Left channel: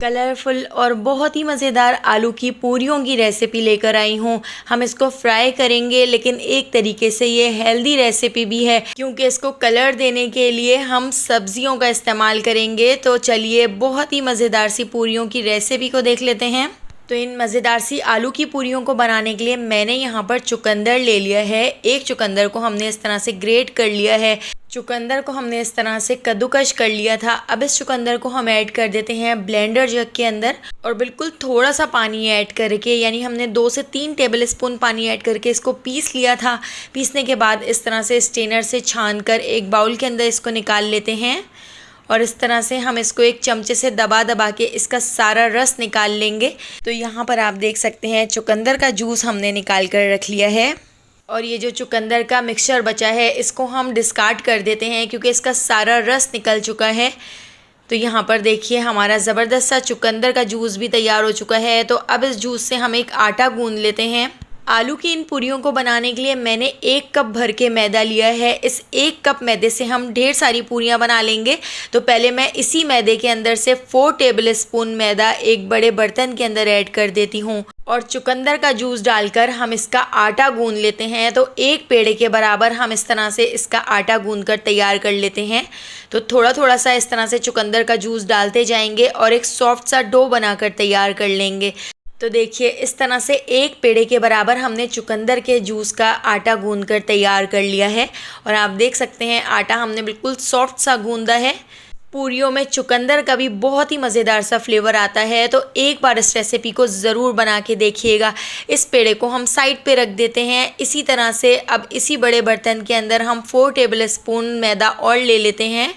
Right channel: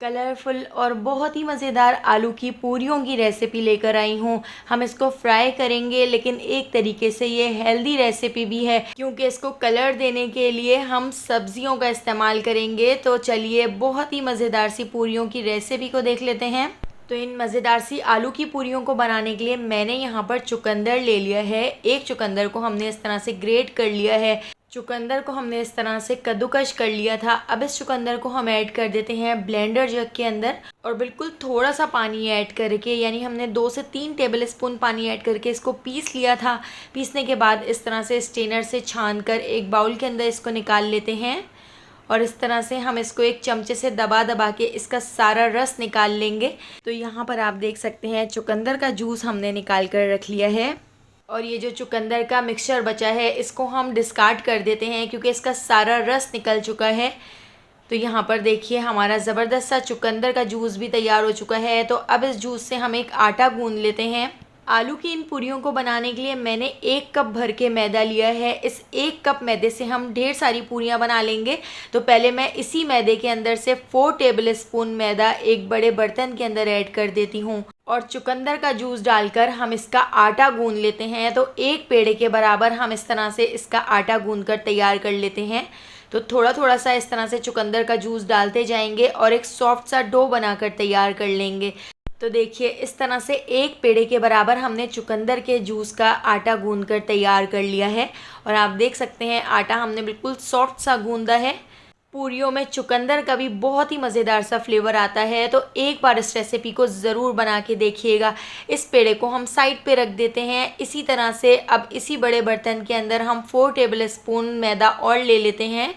Colourful और बहुत ही मज़ेदार आलू की पूरियों की रेसिपी लेकर आई हूँ। हम इसको फ्राई करेंगे, लेकिन एक तरीके से ये हेल्दी रेसिपी भी है क्योंकि इसको कलर देने के लिए हम सब्जियों का इस्तेमाल करेंगे। तो चलिए बहुत ही मज़ेदार सी पूरियों की रेसिपी को देख लेते हैं। तो इन मज़ेदार सी आलू की पूरियों को बनाने के लिए मैंने यहाँ पर चुकंदर ले लिया है। एक चुकंदर को हमने इस तरह से ग्रेट कर लिया है। चुकंदर को हमने इस तरह से कद्दूकश कर लिया था। अब इस चुकंदर को हम ऐड कर देते हैं ब्लेंडर जग के अंदर और बिल्कुल थोड़ा सा पानी ऐड करके, यानी हमने 2 से 3 टेबल स्पून पानी ऐड करके इसको पीस लिया था। पीसने के बाद इस तरह से स्ट्रेनर से छान कर एक बाउल के अंदर इसको निकाल लेते हैं और इस तरह से हम इसको एक चमचे से दबा दबा के इसका सारा रस निकाल लेंगे। तो यहाँ पर आप देख सकते हैं चुकंदर का जूस हमने निकाल कर रख लिया है और ये जो चुकंदर का मिक्सचर बचा है इसको हम डिस्कार्ड कर देते हैं क्योंकि इसका सारा रस निकल चुका है। तो यहाँ पर देखिए हमारा ज़बरदस्त सा चुकंदर का जूस भी तैयार हो चुका है। तो अब इस जूस से हम एक आटा गूंद लेते हैं। आलू की इन पूरियों को बनाने के लिए मैंने 1 कप भर के मैदा लिया है। इस 1 कप मैदे से हम ढेर सारी पूरियां बना लेंगे। तो पहले मैं इसी मैदे के अंदर से 4 टेबल स्पून मैदा एक बड़े बर्तन के अंदर ऐड कर देती हूँ और चुकंदर का जूस डालकर हम इसका आटा गूंद लेते हैं। तो 1 पेड़े के बराबर हम इस तरह से इसका आटा गूंद कर तैयार कर लेते हैं। तो थोड़ा थोड़ा सा इस तरह से चुकंदर का जूस डालते जाएंगे और एक सॉफ्ट सा डो बनाकर तैयार कर लेंगे। तो देखिए इस तरह से 1 पेड़े के बराबर हमने चुकंदर के जूस का आटा गूंद कर तैयार कर लिया है और आप देख सकते हैं आटा हमने बिल्कुल सॉफ्ट सा गूंदा है। पूरियों में चुकंदर का भी बहुत ही मज़ेदार सा फ्लेवर आता है। तो एक बार इस रेसिपी को ज़रूर बना के देखिएगा। इस पेड़े को हम साइड पे रख देते हैं। इसी तरह से अब इसी बड़े बर्तन के अंदर हम 4 टेबल स्पून मैदा और ले लेते हैं।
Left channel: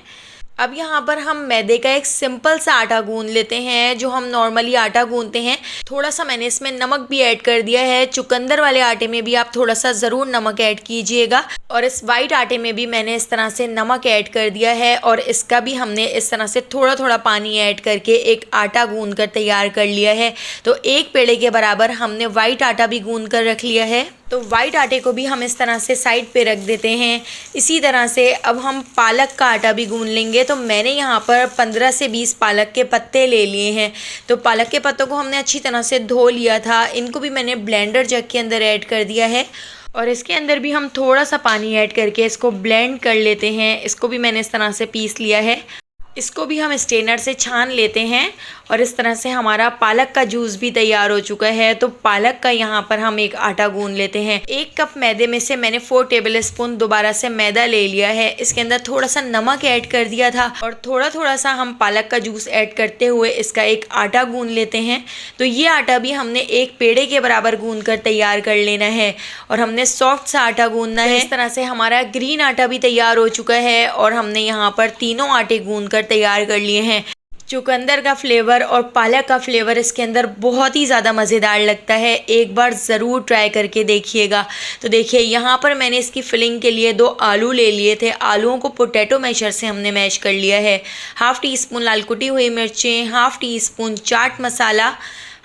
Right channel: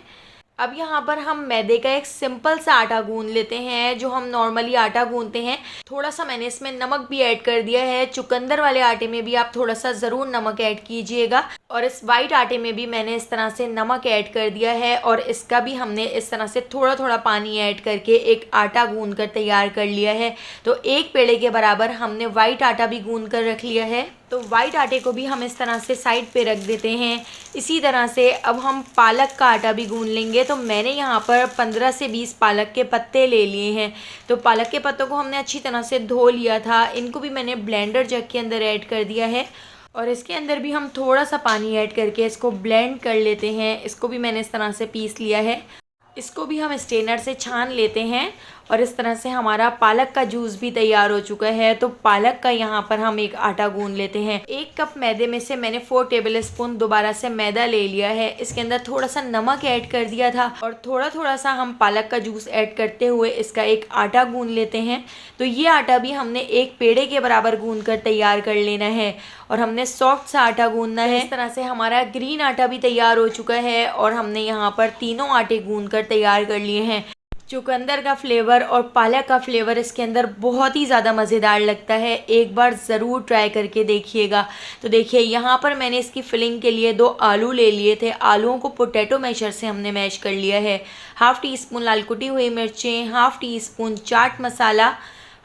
अब यहाँ पर हम मैदे का एक सिंपल सा आटा गूंद लेते हैं जो हम नॉर्मली आटा गूंदते हैं। थोड़ा सा मैंने इसमें नमक भी ऐड कर दिया है। चुकंदर वाले आटे में भी आप थोड़ा सा ज़रूर नमक ऐड कीजिएगा और इस वाइट आटे में भी मैंने इस तरह से नमक ऐड कर दिया है और इसका भी हमने इस तरह से थोड़ा थोड़ा पानी ऐड करके एक आटा गूंद कर तैयार कर लिया है। तो 1 पेड़े के बराबर हमने वाइट आटा भी गूंद कर रख लिया है। तो वाइट आटे को भी हम इस तरह से साइड पे रख देते हैं। इसी तरह से अब हम पालक का आटा भी गूंद लेंगे। तो मैंने यहाँ पर 15 से 20 पालक के पत्ते ले लिए हैं। तो पालक के पत्तों को हमने अच्छी तरह से धो लिया था। इनको भी मैंने ब्लेंडर जग के अंदर ऐड कर दिया है और इसके अंदर भी हम थोड़ा सा पानी ऐड करके इसको ब्लेंड कर लेते हैं। इसको भी मैंने इस तरह से पीस लिया है। इसको भी हम स्ट्रेनर से छान लेते हैं और इस तरह से हमारा पालक का जूस भी तैयार हो चुका है। तो पालक का यहाँ पर हम एक आटा गूंद लेते हैं। 1 कप मैदे में से मैंने 4 टेबल स्पून दोबारा से मैदा ले लिया है। इसके अंदर थोड़ा सा नमक ऐड कर दिया था और थोड़ा थोड़ा सा हम पालक का जूस ऐड करते हुए इसका एक आटा गूंद लेते हैं। तो ये आटा भी हमने 1 पेड़े के बराबर गूंद कर तैयार कर लेना है और हमने सॉफ्ट सा आटा गूंदना है। इस तरह से हमारा ग्रीन आटा भी तैयार हो चुका है और हमने यहाँ पर तीनों आटे गूंद कर तैयार कर लिए हैं। चुकंदर का फ्लेवर और पालक का फ्लेवर इसके अंदर बहुत ही ज़्यादा मज़ेदार लगता है। एक बार ज़रूर ट्राई करके देखिएगा। तो देखिए यहाँ पर मैंने इसकी फिलिंग के लिए 2 आलू ले लिए थे। आलूओं को पोटैटो मैशर से हमने मैश कर लिया है। 1/2 टीस्पून लाल कुटी हुई मिर्चें, 1/2 टीस्पून चाट मसाला,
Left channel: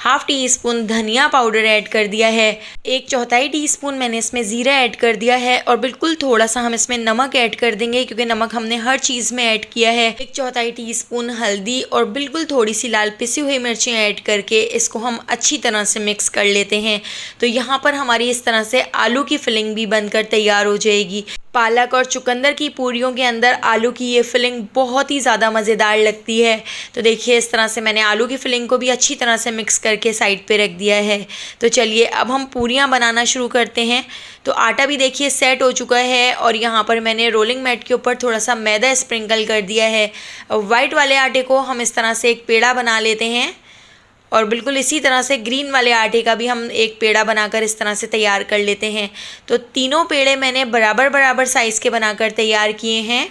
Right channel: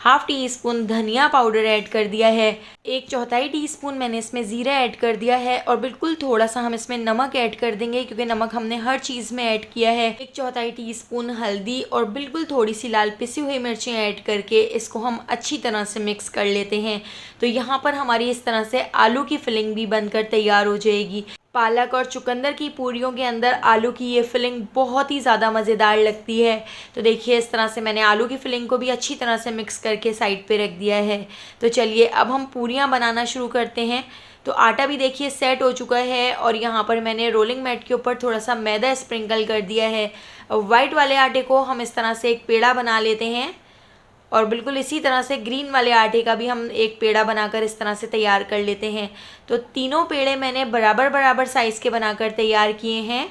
1/2 टीस्पून धनिया पाउडर ऐड कर दिया है। 1/4 टीस्पून मैंने इसमें ज़ीरा ऐड कर दिया है और बिल्कुल थोड़ा सा हम इसमें नमक ऐड कर देंगे क्योंकि नमक हमने हर चीज़ में ऐड किया है। 1/4 टीस्पून हल्दी और बिल्कुल थोड़ी सी लाल पिसी हुई मिर्चें ऐड करके इसको हम अच्छी तरह से मिक्स कर लेते हैं। तो यहाँ पर हमारी इस तरह से आलू की फिलिंग भी बनकर तैयार हो जाएगी। पालक और चुकंदर की पूरियों के अंदर आलू की ये फिलिंग बहुत ही ज़्यादा मज़ेदार लगती है। तो देखिए इस तरह से मैंने आलू की फिलिंग को भी अच्छी तरह से मिक्स करके साइड पे रख दिया है। तो चलिए अब हम पूरियां बनाना शुरू करते हैं। तो आटा भी देखिए सेट हो चुका है और यहाँ पर मैंने रोलिंग मैट के ऊपर थोड़ा सा मैदा स्प्रिंकल कर दिया है। वाइट वाले आटे को हम इस तरह से एक पेड़ा बना लेते हैं और बिल्कुल इसी तरह से ग्रीन वाले आटे का भी हम एक पेड़ा बनाकर इस तरह से तैयार कर लेते हैं। तो तीनों पेड़े मैंने बराबर बराबर साइज़ के बनाकर तैयार किए हैं।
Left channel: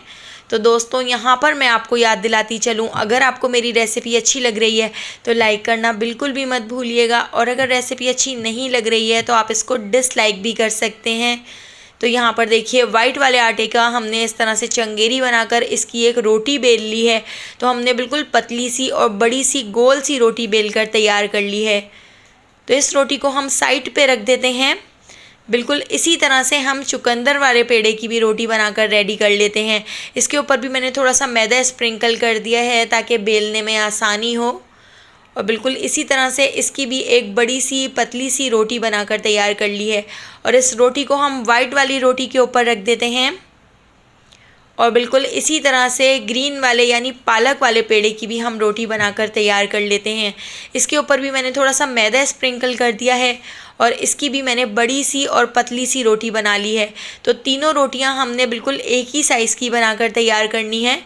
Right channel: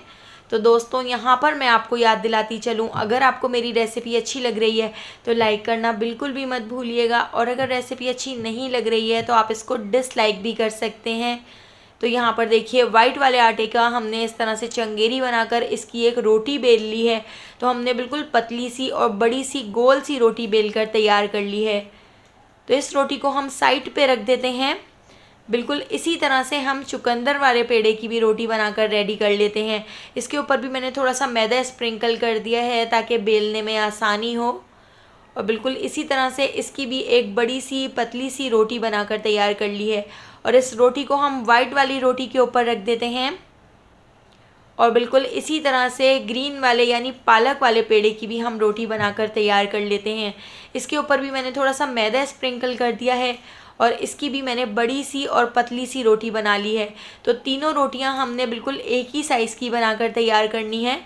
तो दोस्तों यहाँ पर मैं आपको याद दिलाती चलूँ, अगर आपको मेरी रेसिपी अच्छी लग रही है तो लाइक करना बिल्कुल भी मत भूलिएगा और अगर रेसिपी अच्छी नहीं लग रही है तो आप इसको डिसलाइक भी कर सकते हैं। तो यहाँ पर देखिए वाइट वाले आटे का हमने इस तरह से चंगेरी बनाकर इसकी एक रोटी बेल ली है। तो हमने बिल्कुल पतली सी और बड़ी सी गोल सी रोटी बेल कर तैयार कर ली है। तो इस रोटी को हम साइड पे रख देते हैं। बिल्कुल इसी तरह से हम चुकंदर वाले पेड़े की भी रोटी बनाकर रेडी कर लेते हैं। इसके ऊपर भी मैंने थोड़ा सा मैदा स्प्रिंकल कर दिया है ताकि बेलने में आसानी हो और बिल्कुल इसी तरह से इसकी भी एक बड़ी सी पतली सी रोटी बनाकर तैयार कर ली है। और इस रोटी को हम वाइट वाली रोटी के ऊपर रख देते हैं और बिल्कुल इसी तरह से ग्रीन वाले यानी पालक वाले पेड़े की भी हम रोटी बनाकर तैयार कर लेते हैं। इसके ऊपर भी मैंने थोड़ा सा मैदा स्प्रिंकल कर दिया है और इसकी भी मैंने बड़ी सी और पतली सी रोटी बना ली है। तो तीनों रोटियां हमने बिल्कुल एक ही साइज़ की बनाकर तैयार करनी है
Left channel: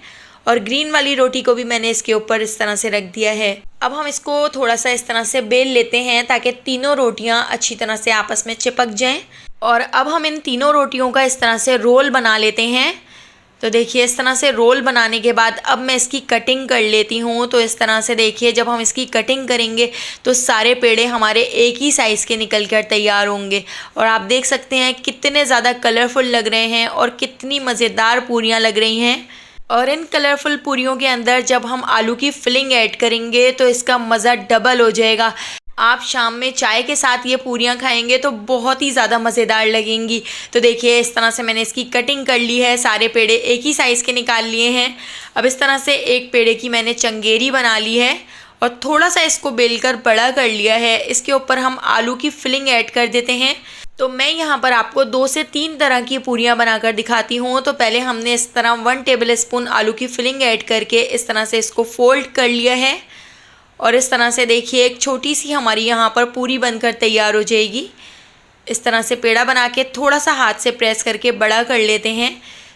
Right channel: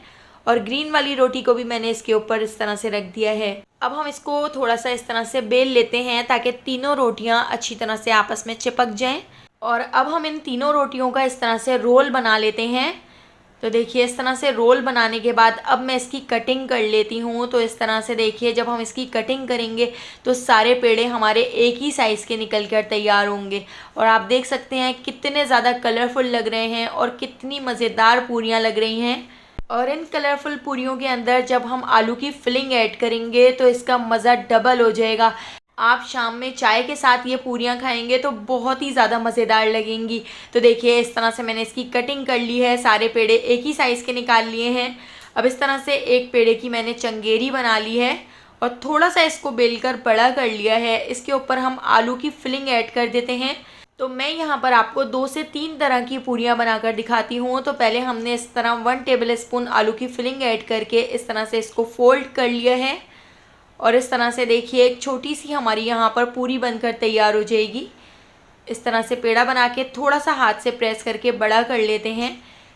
और ग्रीन वाली रोटी को भी मैंने इसके ऊपर इस तरह से रख दिया है। अब हम इसको थोड़ा सा इस तरह से बेल लेते हैं ताकि तीनों रोटियां अच्छी तरह से आपस में चिपक जाएं। और अब हम इन तीनों रोटियों का इस तरह से रोल बना लेते हैं। तो देखिए इस तरह से रोल बनाने के बाद अब मैं इसकी कटिंग कर लेती हूँ। तो इस तरह से देखिए जब हम इसकी कटिंग करेंगे तो सारे पेड़े हमारे एक ही साइज़ के निकल कर तैयार होंगे। और आप देख सकते हैं कितने ज़्यादा कलरफुल लग रहे हैं और कितनी मज़ेदार पूरियाँ लग रही हैं। और इन कलरफुल पूरियों के अंदर जब हम आलू की फिलिंग ऐड करेंगे तो इसका मज़ा डबल हो जाएगा। आप शाम में चाय के साथ ये पूरियाँ खाएंगे तो बहुत ही ज़्यादा मज़ेदार लगेंगी। तो देखिए इस तरह से मैंने इसकी कटिंग कर ली है, सारे पेड़े एक ही साइज़ के निकाल लिए हैं। अब इस तरह से एक पेड़े की मैंने चंगेरी बना ली है और थोड़ा सा इसको बेलकर बड़ा कर लिया है। इसके ऊपर हम आलू की फिलिंग ऐड कर देते हैं। तो मैं यहाँ पर आपको 2 से 3 तरह की पूरियाँ बनाकर दिखाती हूँ। तो पहले हमने इस तरह 1 टेबल स्पून आलू की फिलिंग ऐड करके इस तरह से इसको फोल्ड कर लिया है और इस तरह से देखिए एक छोटी सी हमारी यहाँ पर पूरी बनकर तैयार हो जाएगी। इस तरह से पेड़ा बना के थोड़ा सा हाथ से प्रेस करके बड़ा कर लेते हैं।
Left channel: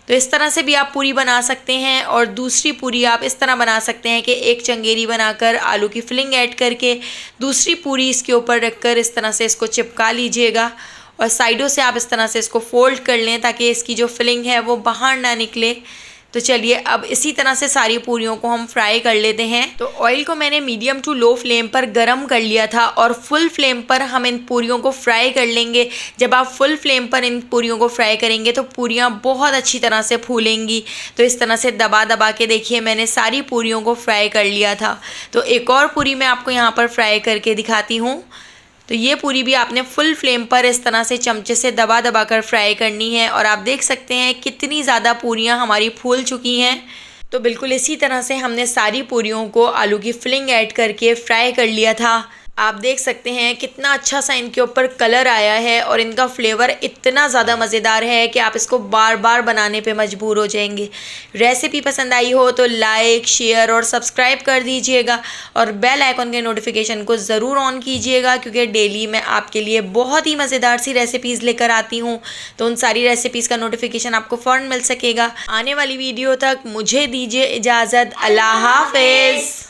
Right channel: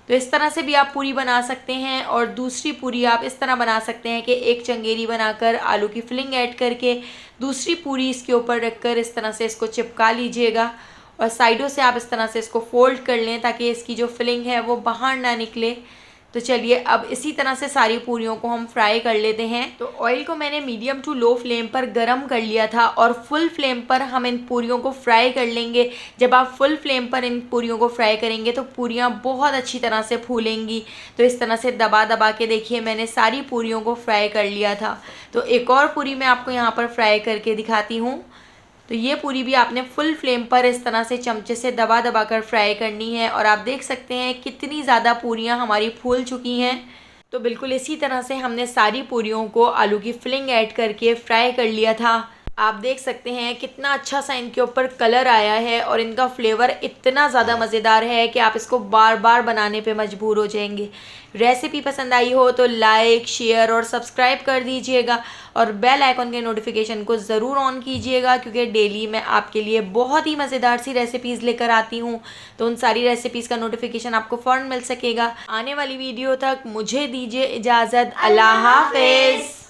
तो इस तरह से भी आप पूरी बना सकते हैं और दूसरी पूरी आप इस तरह बना सकते हैं कि एक चंगेरी बनाकर आलू की फिलिंग ऐड करके दूसरी पूरी इसके ऊपर रखकर इस तरह से इसको चिपका लीजिएगा और साइडों से आप इस तरह से इसको फोल्ड कर लें ताकि इसकी जो फिलिंग है वो बाहर ना निकले। तो चलिए अब इसी तरह से सारी पूरियों को हम फ्राई कर लेते हैं। तो ऑयल को मैंने मीडियम टू लो फ्लेम पर गरम कर लिया था और फुल फ्लेम पर हम इन पूरियों को फ्राई कर लेंगे। जब आप फुल फ्लेम पर इन पूरियों को फ्राई करेंगे तो पूरियाँ बहुत अच्छी तरह से फूलेंगी। तो इस तरह से दबा दबा के देखिए मैंने सारी पूरियों को फ्राई कर लिया था। तो एक और पूरी मैं आपको यहाँ पर फ्राई करके दिखाती हूँ। तो ये पूरी भी आपने फुल फ्लेम पर इस तरह से चमचे से दबा दबा कर फ्राई करनी है और आप देख सकते हैं कितनी ज़्यादा पूरियाँ हमारी फूल चुकी हैं। तो बिल्कुल इसी तरह से हमने सारी पूरियों को आलू की फिलिंग ऐड करके फ्राई कर लिया था। आप देख सकते हैं कितना अच्छा सा इनके ऊपर कलर आया है और इनका फ्लेवर इतना ज़्यादा मज़ेदार है कि आप इसको बार बार बनाने पे मजबूर हो जाएंगे। रेसिपी पसंद आई हो तो लाइक, शेयर और सब्सक्राइब कर दीजिएगा और बेल आइकन के नोटिफिकेशन को ज़रूर ऑन कीजिएगा क्योंकि डेली मैं आपके लिए बहुत ही मज़ेदार सी रेसिपीज़ लेकर आती हूँ। तो उन सारी रेसिपीज़ का नोटिफिकेशन आपको फ़ौरन मिल सकेगा। आने वाली वीडियो तक मुझे दीजिए इजाज़त। अल्लाह हाफ़िज़।